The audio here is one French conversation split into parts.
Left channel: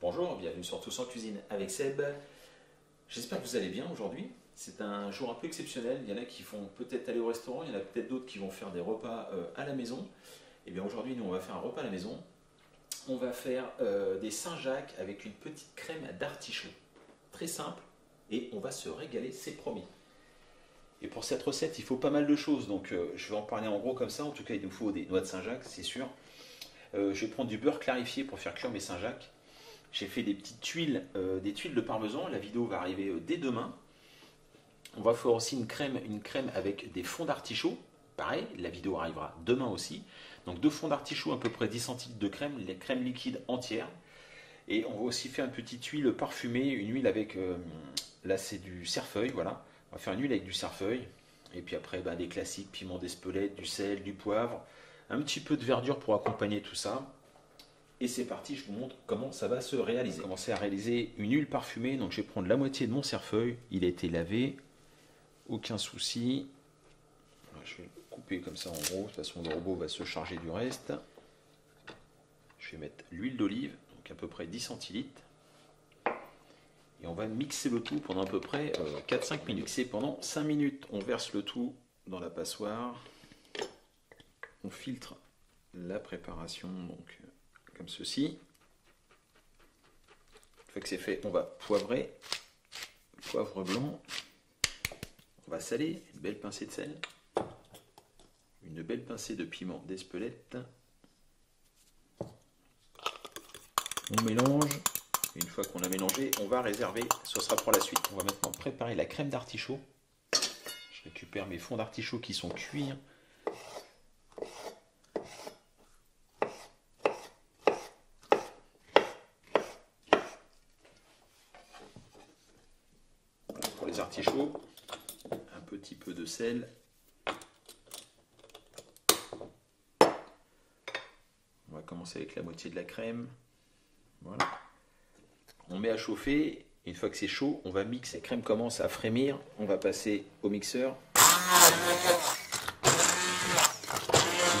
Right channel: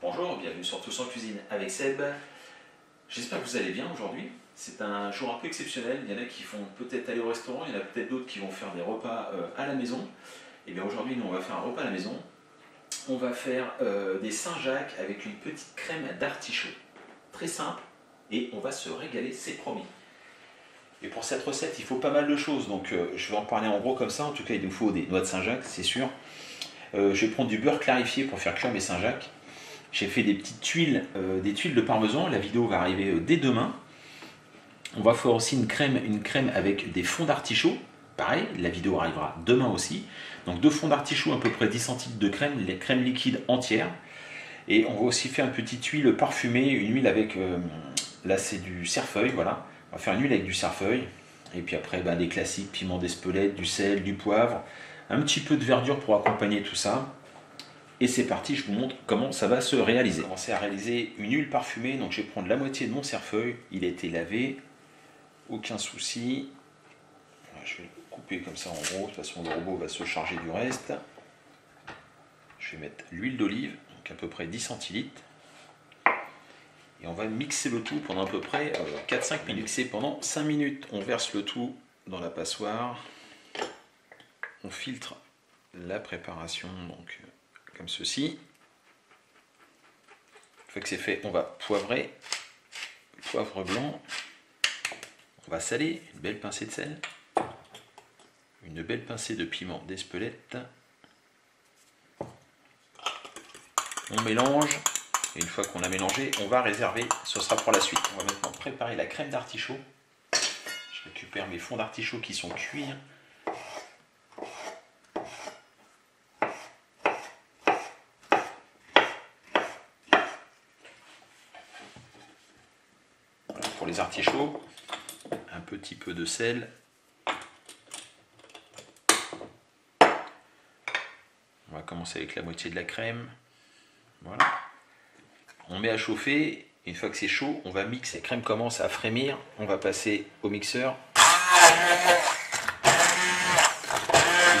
Bonjour, bienvenue sur Tous en Cuisine avec Seb. J'espère que vous allez bien aujourd'hui. C'est un jour un peu exceptionnel. Il y en a qui font peut-être aller au restaurant, il y en a peut-être d'autres qui vont faire des repas à la maison. Et bien aujourd'hui, nous, on va faire un repas à la maison. On va faire des Saint-Jacques avec une petite crème d'artichaut. Très simple et on va se régaler, c'est promis. Et pour cette recette, il faut pas mal de choses. Donc je vais en parler en gros comme ça. En tout cas, il nous faut des noix de Saint-Jacques, c'est sûr. Je vais prendre du beurre clarifié pour faire cuire mes Saint-Jacques. J'ai fait des petites tuiles, des tuiles de parmesan. La vidéo va arriver dès demain. On va faire aussi une crème avec des fonds d'artichaut. Pareil, la vidéo arrivera demain aussi. Donc deux fonds d'artichaut, à peu près 10 centilitres de crème, les crèmes liquides entières. Et on va aussi faire une petite huile parfumée, une huile avec, là c'est du cerfeuil, voilà. On va faire une huile avec du cerfeuil. Et puis après, des classiques, piment d'Espelette, du sel, du poivre. Un petit peu de verdure pour accompagner tout ça. Et c'est parti, je vous montre comment ça va se réaliser. On va commencer à réaliser une huile parfumée. Donc je vais prendre la moitié de mon cerfeuil. Il a été lavé, aucun souci. Voilà, je vais le couper comme ça en gros. De toute façon, le robot va se charger du reste. Je vais mettre l'huile d'olive, donc à peu près 10 centilitres. Et on va mixer le tout pendant à peu près 4-5 minutes. Mixer pendant 5 minutes. On verse le tout dans la passoire. On filtre la préparation, donc comme ceci. Une fois que c'est fait, on va poivrer, poivre blanc, on va saler, une belle pincée de sel, une belle pincée de piment d'Espelette. On mélange, et une fois qu'on a mélangé, on va réserver, ce sera pour la suite. On va maintenant préparer la crème d'artichaut. Je récupère mes fonds d'artichaut qui sont cuits. Pour les artichauts, un petit peu de sel. On va commencer avec la moitié de la crème. Voilà. On met à chauffer. Une fois que c'est chaud, on va mixer. La crème commence à frémir. On va passer au mixeur. Si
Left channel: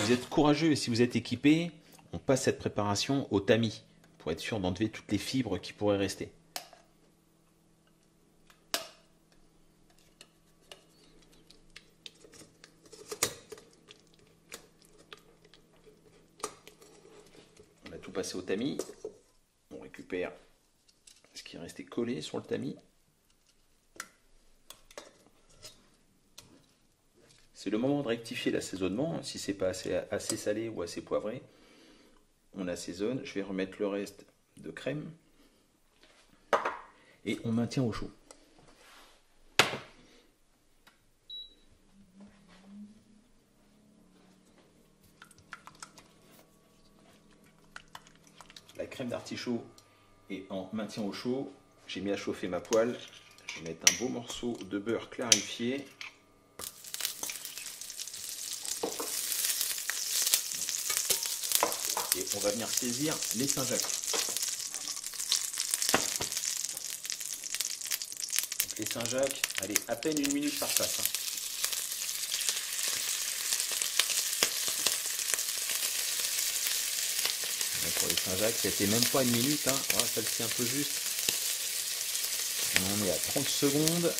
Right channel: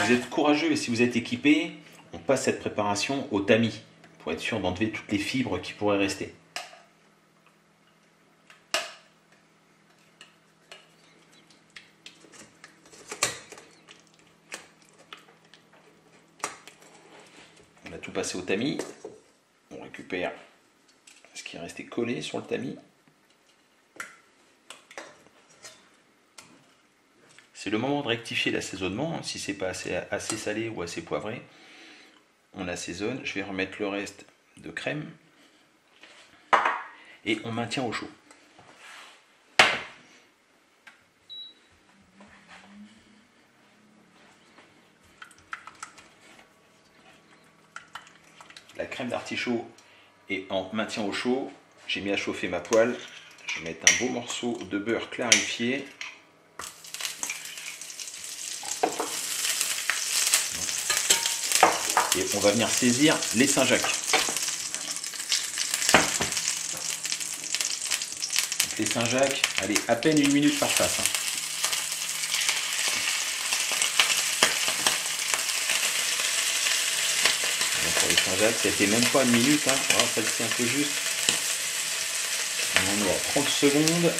vous êtes courageux et si vous êtes équipé, on passe cette préparation au tamis pour être sûr d'enlever toutes les fibres qui pourraient rester. On a tout passé au tamis. On récupère ce qui est resté collé sur le tamis. C'est le moment de rectifier l'assaisonnement. Si c'est pas assez salé ou assez poivré, on assaisonne. Je vais remettre le reste de crème et on maintient au chaud. La crème d'artichaut est en maintien au chaud. J'ai mis à chauffer ma poêle. Je vais mettre un beau morceau de beurre clarifié. Et on va venir saisir les Saint-Jacques. Les Saint-Jacques, allez, à peine 1 minute par face. Donc pour les Saint-Jacques, ça fait même pas 1 minute. Oh, ça le fait un peu juste. On est à 30 secondes.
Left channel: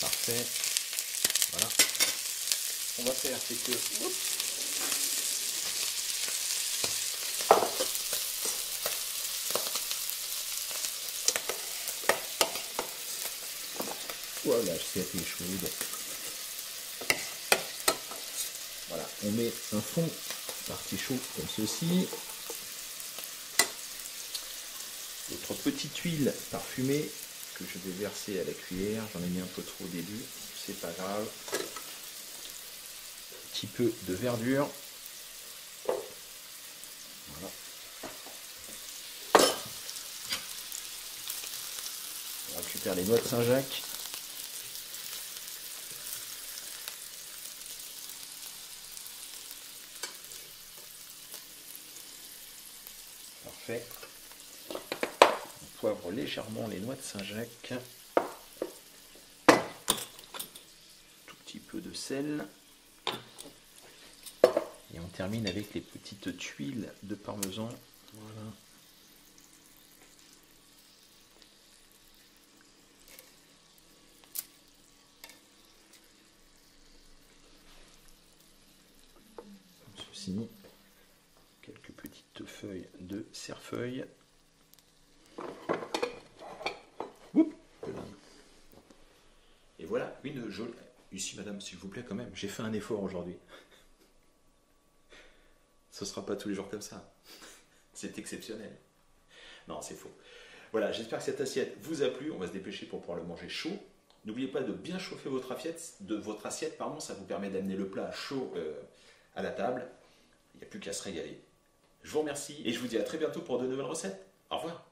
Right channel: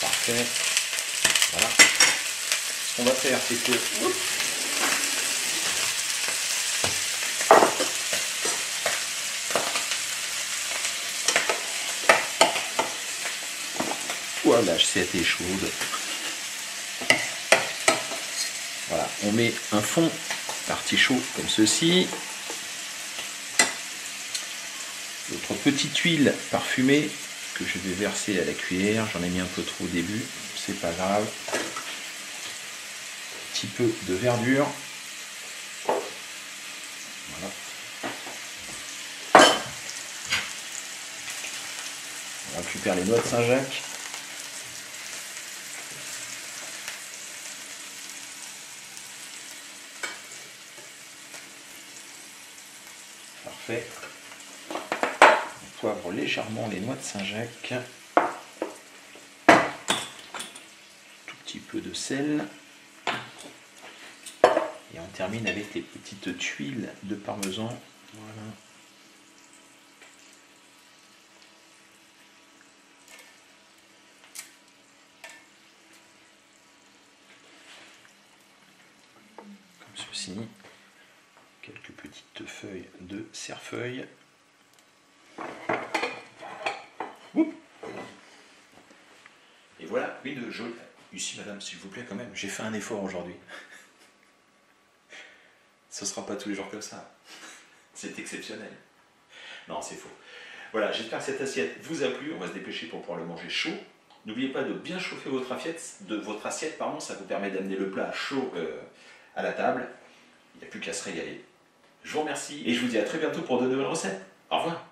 Parfait. Voilà. Ce qu'on va faire, c'est que... Voilà, c'était chaude. Voilà, on met un fond d'artichaut comme ceci. Notre petite huile parfumée que je vais verser à la cuillère. J'en ai mis un peu trop au début, c'est pas grave. Un petit peu de verdure. Voilà. On récupère les noix de Saint-Jacques. Parfait. On poivre légèrement les noix de Saint-Jacques. Tout petit peu de sel. Et on termine avec les petites tuiles de parmesan Voilà. Comme ceci. Quelques petites feuilles de cerfeuil. Et voilà une jolie... Ici, madame, s'il vous plaît, quand même, j'ai fait un effort aujourd'hui. Ce ne sera pas tous les jours comme ça. C'est exceptionnel. Non, c'est faux. Voilà, j'espère que cette assiette vous a plu. On va se dépêcher pour pouvoir le manger chaud. N'oubliez pas de bien chauffer votre assiette, pardon, ça vous permet d'amener le plat chaud à la table. Il n'y a plus qu'à se régaler. Je vous remercie et je vous dis à très bientôt pour de nouvelles recettes. Au revoir.